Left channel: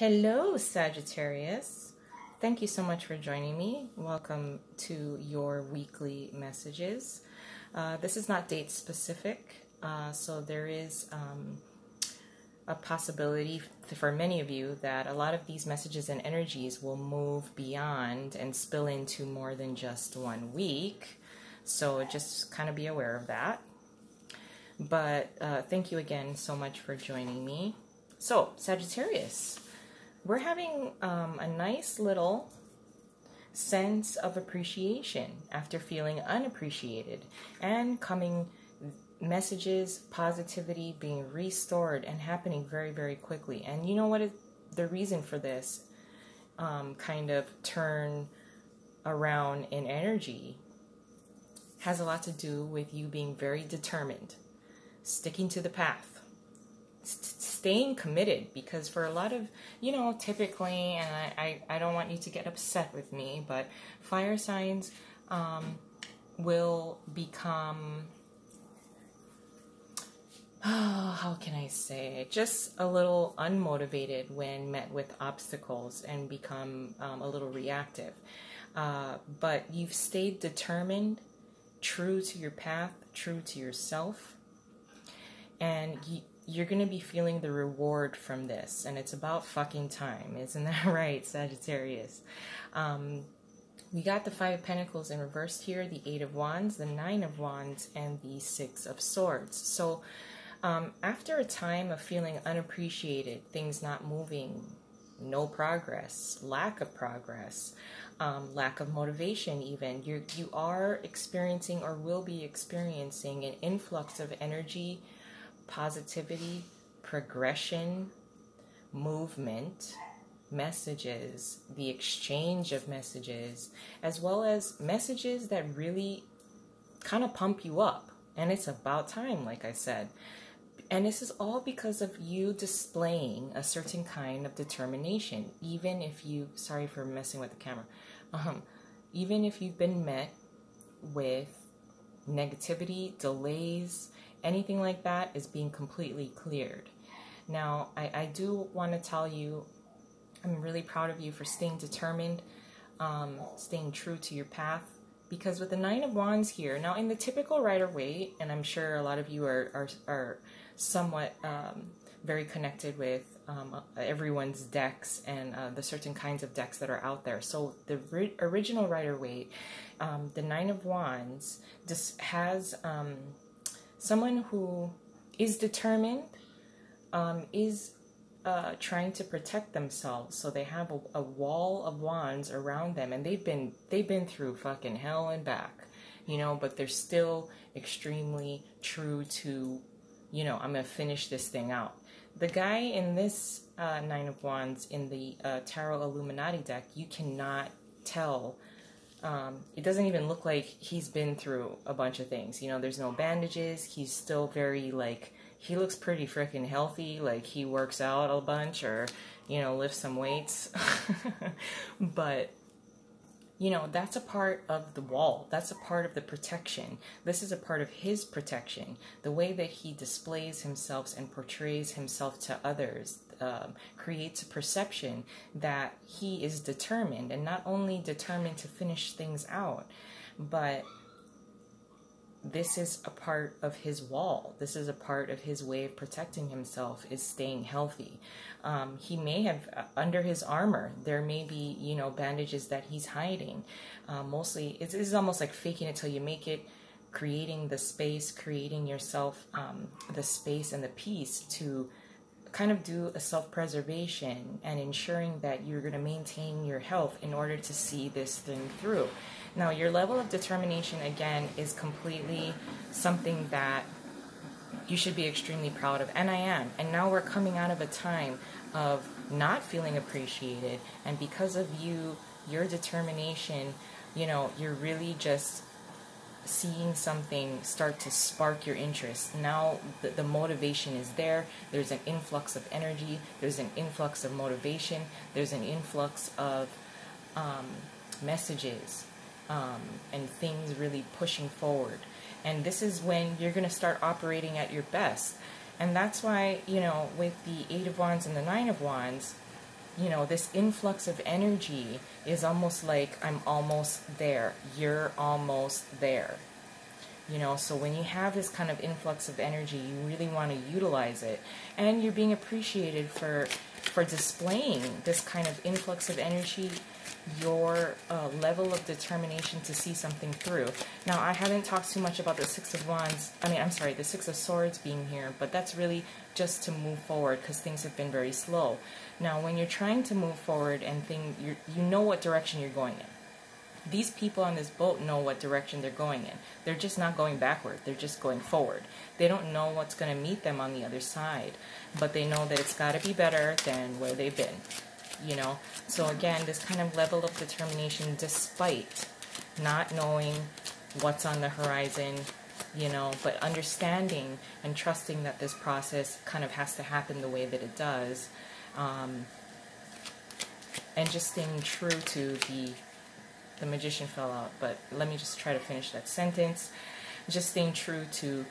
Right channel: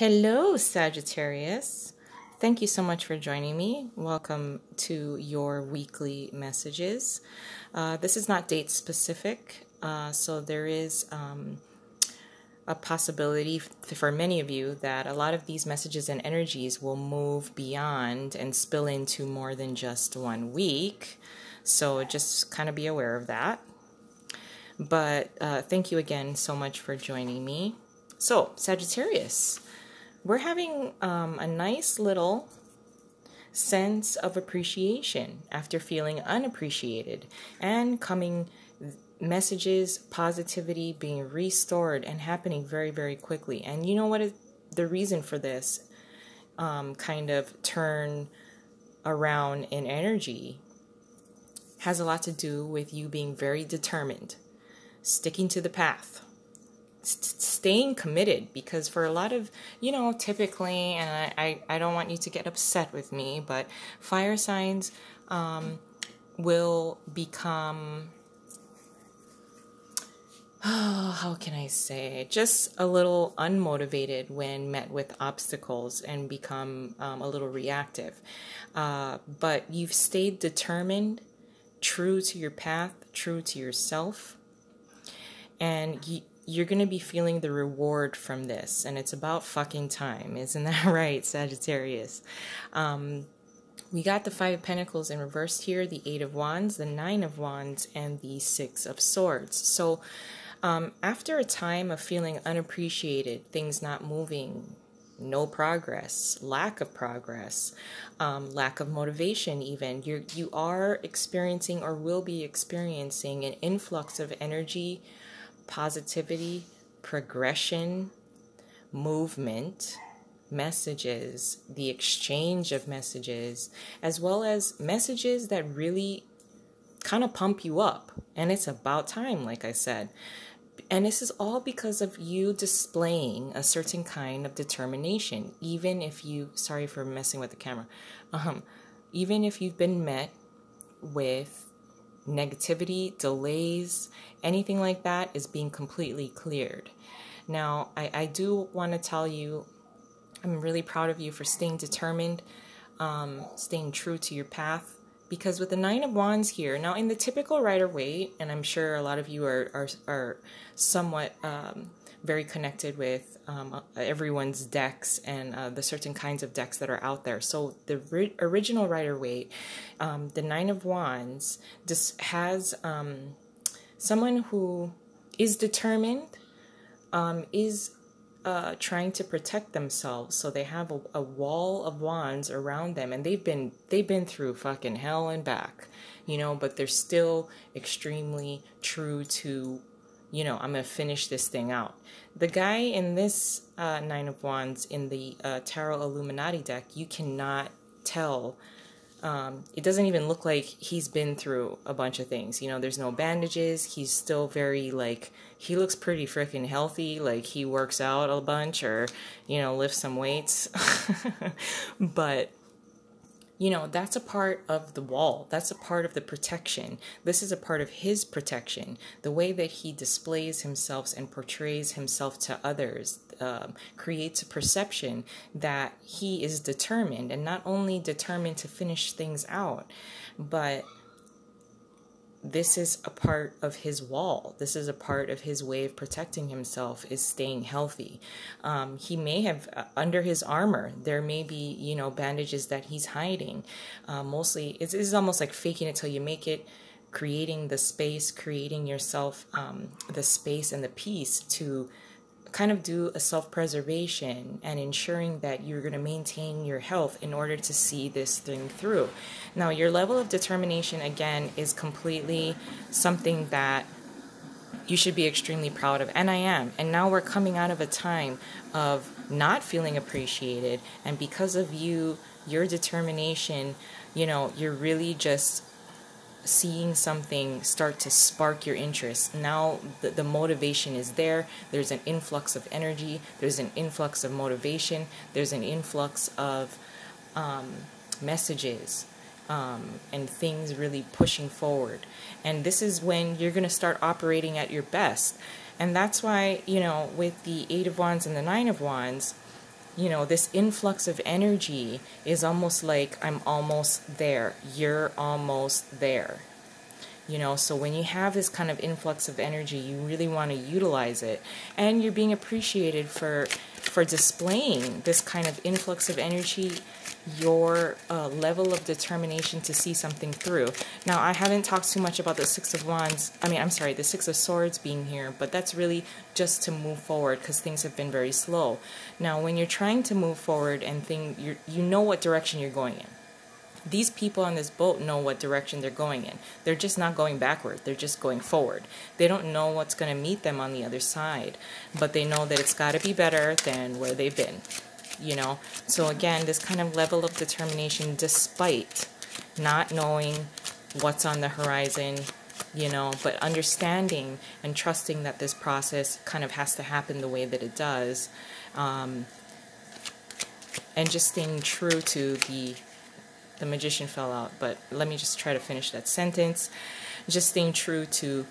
Hello, Sagittarius. Thank you so much for joining me. Welcome to your weekly messages. This is not date specific, so there is a possibility for many of you that a lot of these messages and energies will move beyond and spill into more than just 1 week. So just kind of be aware of that. But thank you again so much for joining me. So, Sagittarius, we're having a nice little sense of appreciation after feeling unappreciated, and coming messages, positivity being restored and happening very, very quickly. And you know what is the reason for this kind of turn around in energy has a lot to do with you being very determined, sticking to the path, staying committed. Because for a lot of, typically, and I don't want you to get upset with me, but fire signs will become, how can I say, just a little unmotivated when met with obstacles and become a little reactive. But you've stayed determined, true to your path, true to yourself, and you're going to be feeling the reward from this, and it's about fucking time. Isn't that right, Sagittarius? We got the Five of Pentacles in reverse here, the Eight of Wands, the Nine of Wands, and the Six of Swords. So after a time of feeling unappreciated, things not moving, no progress, lack of progress, lack of motivation even, you are experiencing or will be experiencing an influx of energy, positivity, progression, movement, messages, the exchange of messages, as well as messages that really kind of pump you up. And it's about time, like I said. And this is all because of you displaying a certain kind of determination. Even if you, sorry for messing with the camera, even if you've been met with negativity, delays, anything like that is being completely cleared. Now, I do want to tell you, I'm really proud of you for staying determined, staying true to your path. Because with the Nine of Wands here, now in the typical Rider-Waite, and I'm sure a lot of you are somewhat very connected with everyone's decks and the certain kinds of decks that are out there. So the original Rider-Waite, the Nine of Wands, just has someone who is determined, is trying to protect themselves. So they have a wall of wands around them, and they've been through fucking hell and back, but they're still extremely true to, I'm gonna finish this thing out. The guy in this Nine of Wands in the Tarot Illuminati deck, you cannot tell. It doesn't even look like he's been through a bunch of things. There's no bandages. He's still very, he looks pretty freaking healthy. Like, he works out a bunch or, lifts some weights. But, that's a part of the wall. That's a part of the protection. This is a part of his protection. The way that he displays himself and portrays himself to others creates a perception that he is determined, and not only determined to finish things out, but this is a part of his wall. This is a part of his way of protecting himself, is staying healthy. He may have, under his armor, there may be, bandages that he's hiding. Mostly, it's almost like faking it till you make it, creating the space, creating yourself the space and the peace to kind of do a self-preservation and ensuring that you're going to maintain your health in order to see this thing through. Now, your level of determination, again, is completely something that you should be extremely proud of, and I am. And now we're coming out of a time of not feeling appreciated, and because of your determination, you're really just seeing something start to spark your interest. Now the motivation is there. There's an influx of energy. There's an influx of motivation. There's an influx of messages and things really pushing forward. And this is when you're going to start operating at your best. And that's why, with the Eight of Wands and the Nine of Wands, you know, this influx of energy is almost like, I'm almost there, you're almost there. You know, so when you have this kind of influx of energy, you really want to utilize it, and you're being appreciated for displaying this kind of influx of energy, your level of determination to see something through. Now, I haven't talked too much about the Six of Wands. I mean, I'm sorry, the Six of Swords being here, but that's really just to move forward because things have been very slow. Now, when you're trying to move forward and you know what direction you're going in. These people on this boat know what direction they're going in. They're just not going backward. They're just going forward. They don't know what's going to meet them on the other side, but they know that it's got to be better than where they've been, you know. So again, this kind of level of determination despite not knowing what's on the horizon, you know, but understanding and trusting that this process kind of has to happen the way that it does, and just staying true to the Magician fell out, but let me just try to finish that sentence. Just staying true to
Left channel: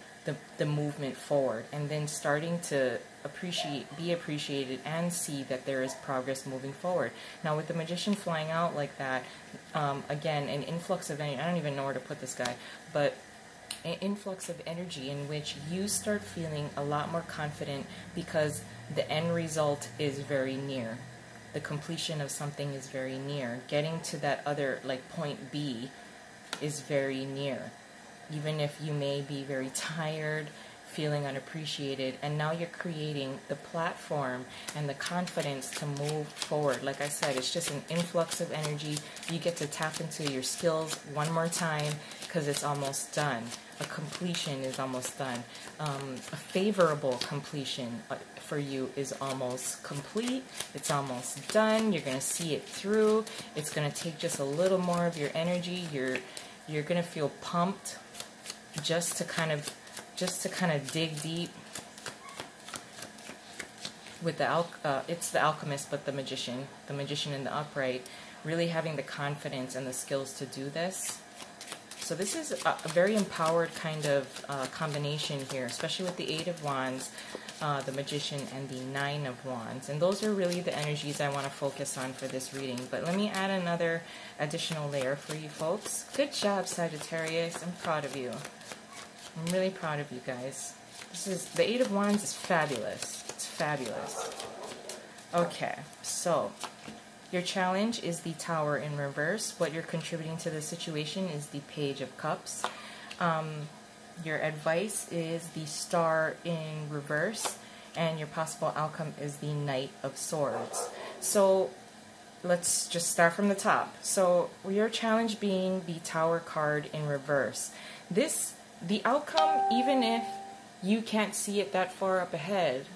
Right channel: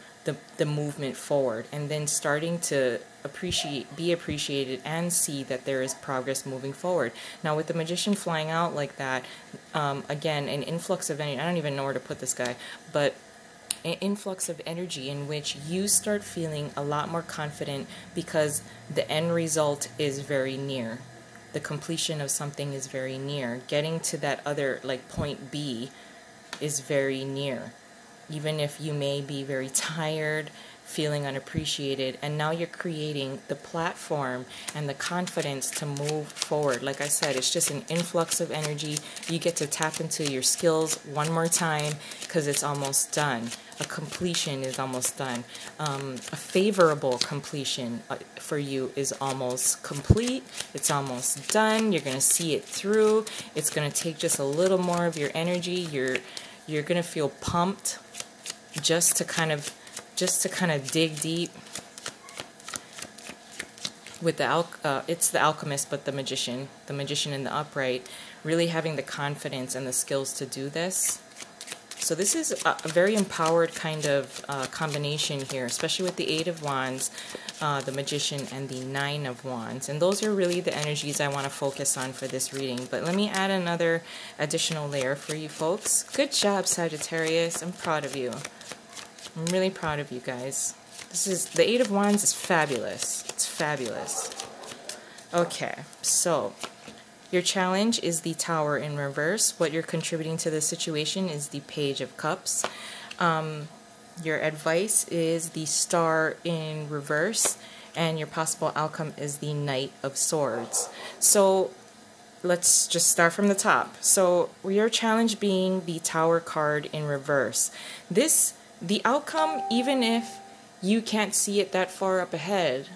the movement forward, and then starting to be appreciated and see that there is progress moving forward. Now, with the Magician flying out like that, again, an influx of energy. I don't even know where to put this guy, but an influx of energy in which you start feeling a lot more confident because the end result is very near. The completion of something is very near. Getting to that other, like, point B is very near. Even if you may be very tired, feeling unappreciated, and now you're creating the platform and the confidence to move forward. Like I said, it's just an influx of energy. You get to tap into your skills one more time because it's almost done. A completion is almost done. A favorable completion for you is almost complete. It's almost done. You're going to see it through. It's going to take just a little more of your energy. You're going to feel pumped just to kind of dig deep. With the it's the Alchemist, but the Magician in the upright, really having the confidence and the skills to do this. So this is a very empowered kind of combination here, especially with the Eight of Wands, the Magician, and the Nine of Wands. And those are really the energies I want to focus on for this reading. But let me add another additional layer for you folks. Good job, Sagittarius. I'm proud of you. I'm really proud of you guys. The Eight of Wands is fabulous. It's fabulous. Okay, so your challenge is the Tower in reverse. What you're contributing to the situation is the Page of Cups. Your advice is the Star in reverse, and your possible outcome is the Knight of Swords. So let's just start from the top. So your challenge being the Tower card in reverse. The outcome, even if you can't see it that far up ahead,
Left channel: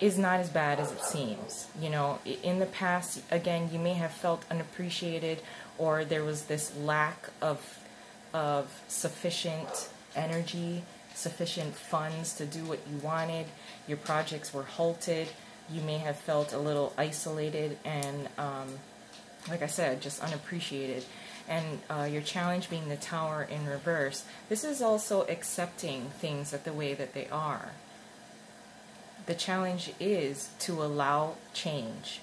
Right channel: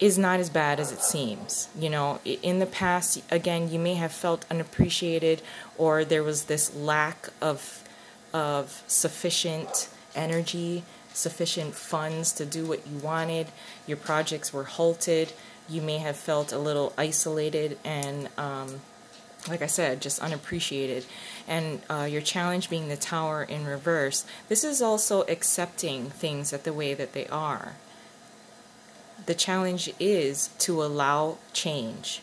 is not as bad as it seems. You know, in the past, again, you may have felt unappreciated, or there was this lack of sufficient energy, sufficient funds to do what you wanted. Your projects were halted. You may have felt a little isolated and, like I said, just unappreciated. And your challenge being the Tower in reverse, this is also accepting things the way that they are. The challenge is to allow change.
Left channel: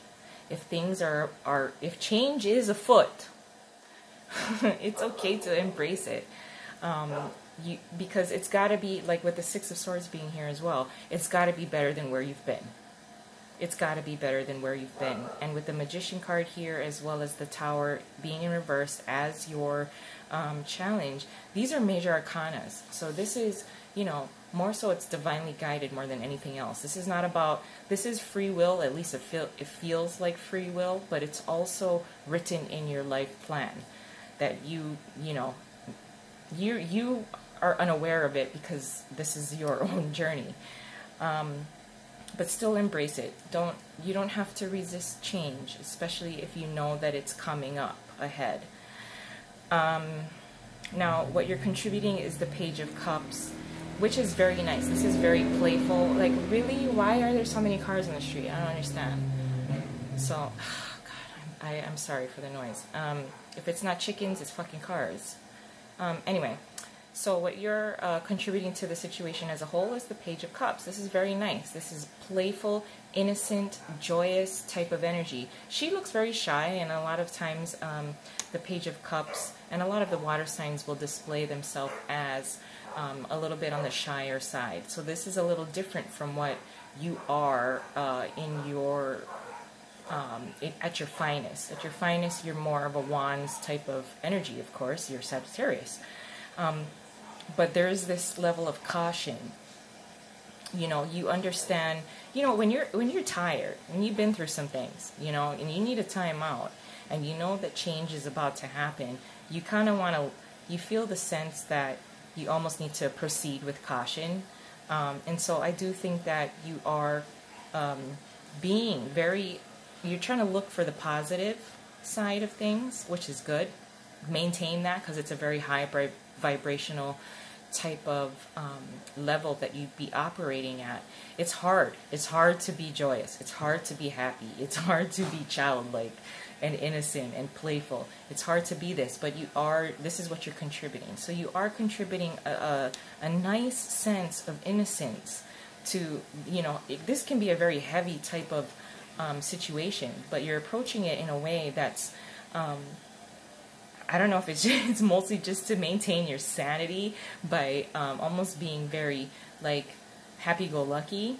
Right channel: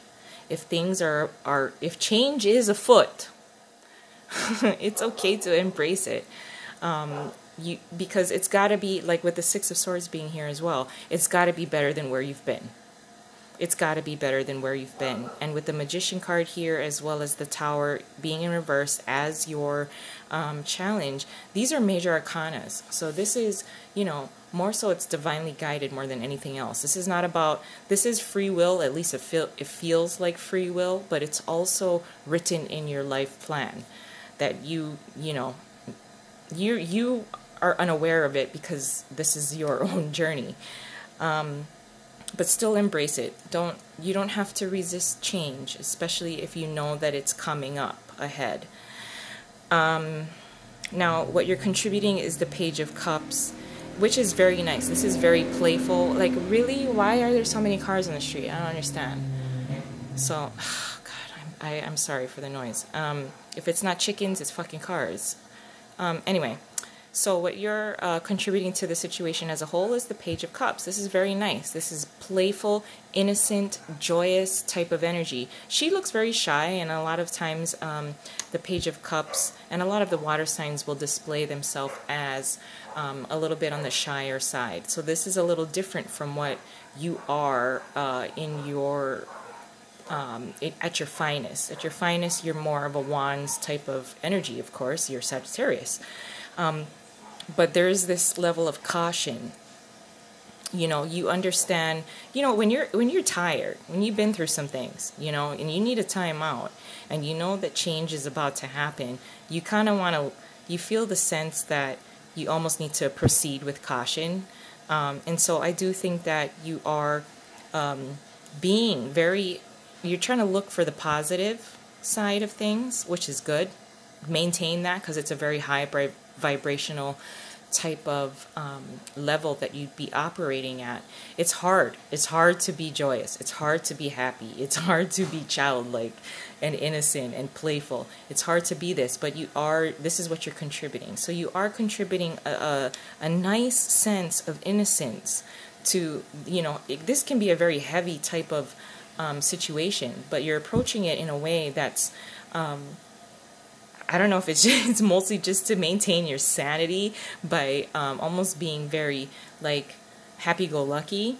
If things if change is afoot, it's okay to embrace it. Because it's got to be, like with the Six of Swords being here as well, it's got to be better than where you've been. It's got to be better than where you've been. And with the Magician card here, as well as the Tower being in reverse as your challenge, these are major arcanas. So this is, you know, more so it's divinely guided more than anything else. This is not about, this is free will, at least it feels like free will, but it's also written in your life plan that you are unaware of it because this is your own journey. But still embrace it. You don't have to resist change, especially if you know that it's coming up ahead. Now, what you're contributing is the Page of Cups, which is very nice. This is very playful. Like, really? Why are there so many cars on the street? I don't understand. So, God, I'm sorry for the noise. If it's not chickens, it's fucking cars. Anyway, So what you're contributing to the situation as a whole is the Page of Cups. This is very nice. This is playful, innocent, joyous type of energy. She looks very shy, and a lot of times the Page of Cups and a lot of the water signs will display themselves as a little bit on the shyer side. So this is a little different from what you are in your at your finest. At your finest, you're more of a wands type of energy, of course. You're Sagittarius. But there is this level of caution. You know, you understand, you know, when you're tired, when you've been through some things, you know, and you need a time out, and you know that change is about to happen, you kind of want to, you feel the sense that you almost need to proceed with caution. And so I do think that you are being very, you're trying to look for the positive side of things, which is good. Maintain that, because it's a very high vibrational type of level that you'd be operating at. It's hard. It's hard to be joyous. It's hard to be happy. It's hard to be childlike and innocent and playful. It's hard to be this, but you are, this is what you're contributing. So you are contributing a nice sense of innocence to, you know, this can be a very heavy type of situation, but you're approaching it in a way that's I don't know if it's mostly just to maintain your sanity by almost being very like happy-go-lucky,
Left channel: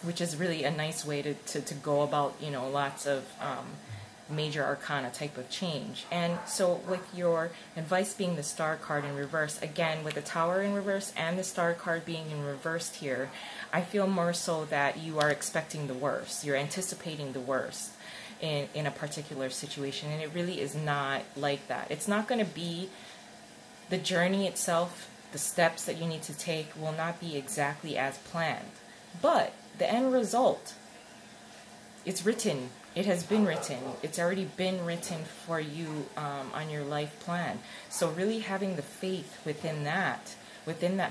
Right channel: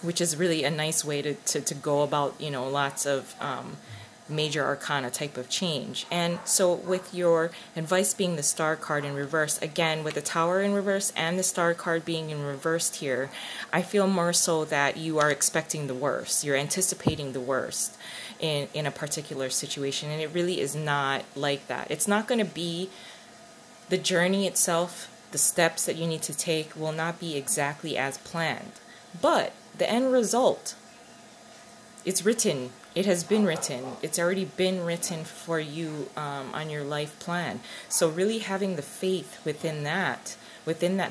which is really a nice way to go about, you know, lots of major arcana type of change. And so with your advice being the Star card in reverse, again, with the Tower in reverse and the Star card being in reversed here, I feel more so that you are expecting the worst. You're anticipating the worst in a particular situation, and it really is not like that. It's not going to be, the journey itself, the steps that you need to take will not be exactly as planned. But the end result, it's written. It has been written. It's already been written for you on your life plan. So really having the faith within that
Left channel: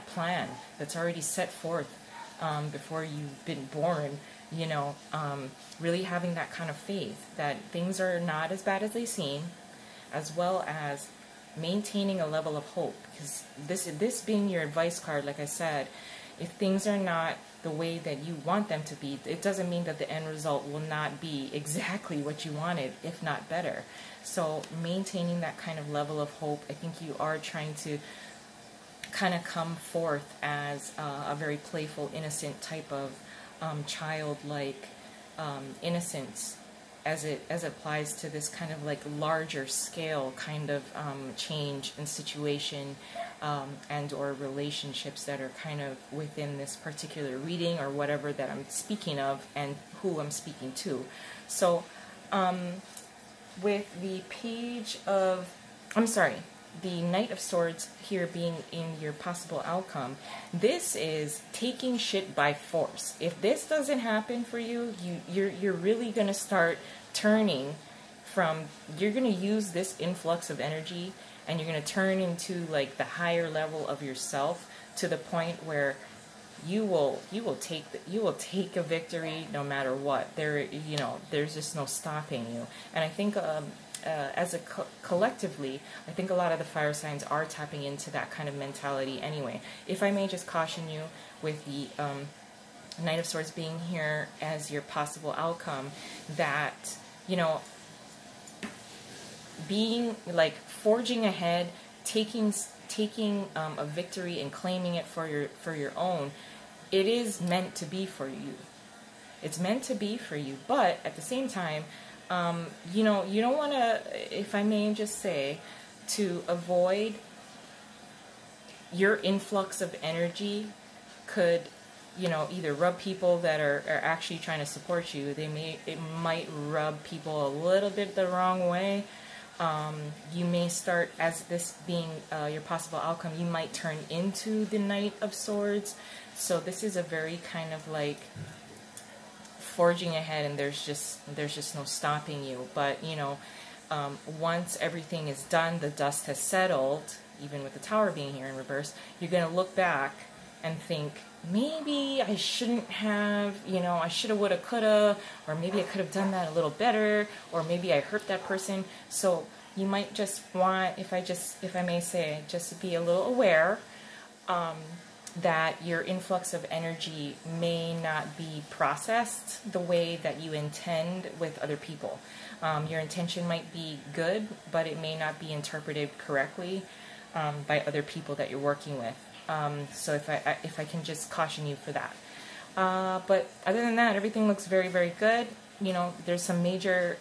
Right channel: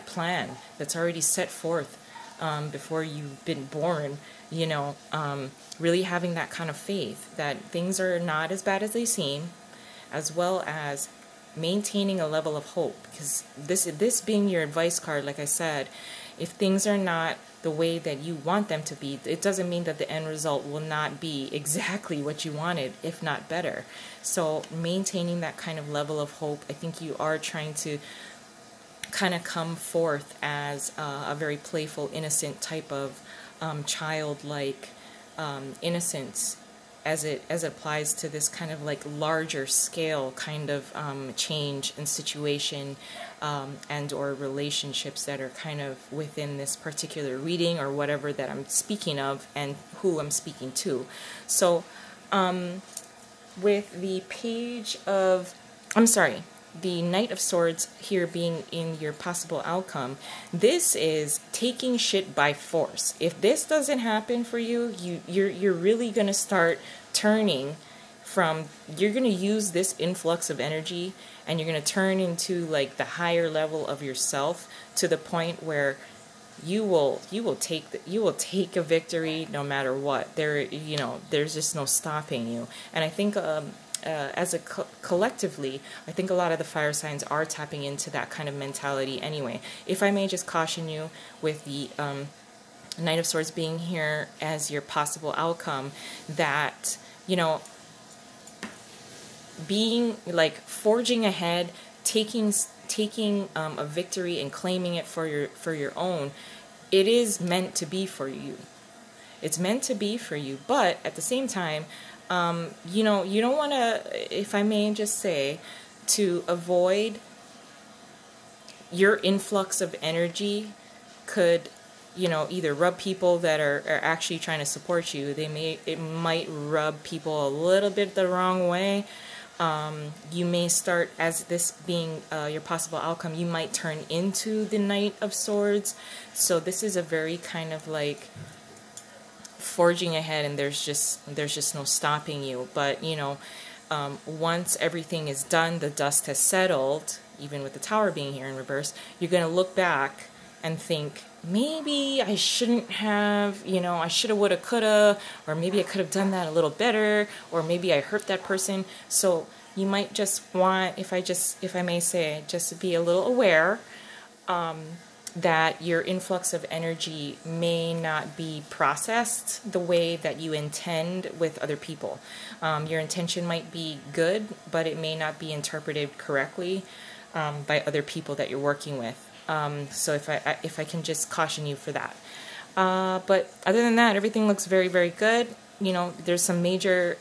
plan that's already set forth before you've been born, you know, really having that kind of faith that things are not as bad as they seem, as well as maintaining a level of hope. Because this being your advice card, like I said, if things are not the way that you want them to be, it doesn't mean that the end result will not be exactly what you wanted, if not better. So maintaining that kind of level of hope, I think you are trying to kind of come forth as a very playful, innocent type of childlike innocence as it applies to this kind of like larger scale kind of change in situation and or relationships that are kind of within this particular reading or whatever that I'm speaking of and who I'm speaking to. So with the page of, I'm sorry, the Knight of Swords here being in your possible outcome, this is taking shit by force. If this doesn't happen for you, you're really going to start turning from, you're going to use this influx of energy and you're going to turn into like the higher level of yourself to the point where you will take a victory no matter what. There's just no stopping you. And I think as a collectively, I think a lot of the fire signs are tapping into that kind of mentality anyway. If I may just caution you with the Knight of Swords being here as your possible outcome, that, you know, being like forging ahead, taking a victory and claiming it for your own, it is meant to be for you. It's meant to be for you, but at the same time, you know, you don't want to, if I may just say, to avoid your influx of energy could, you know, either rub people that are actually trying to support you. It might rub people a little bit the wrong way. You may start, as this being your possible outcome, you might turn into the Knight of Swords. So this is a very kind of like forging ahead, and there's just no stopping you. But you know, once everything is done, the dust has settled, even with the Tower being here in reverse, you're going to look back and think, maybe I shouldn't have, you know, I shoulda, woulda, coulda, or maybe I could have done that a little better, or maybe I hurt that person. So you might just want, if I may say, just to be a little aware that your influx of energy may not be processed the way that you intend with other people. Your intention might be good, but it may not be interpreted correctly by other people that you're working with. So if I can just caution you for that. But other than that, everything looks very, very good. You know, there's some major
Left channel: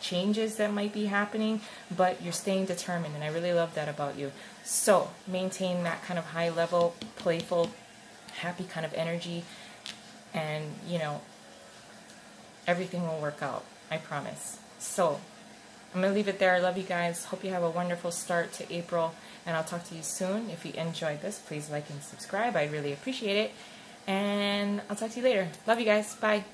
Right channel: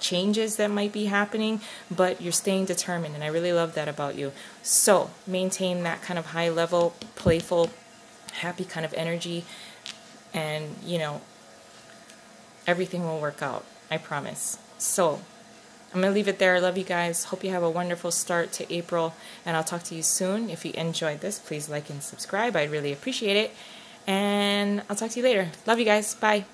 changes that might be happening, but you're staying determined, and I really love that about you. So maintain that kind of high level, playful, happy kind of energy, and you know, everything will work out, I promise. So I'm gonna leave it there. I love you guys. Hope you have a wonderful start to April, and I'll talk to you soon. If you enjoyed this, please like and subscribe. I'd really appreciate it, and I'll talk to you later. Love you guys. Bye.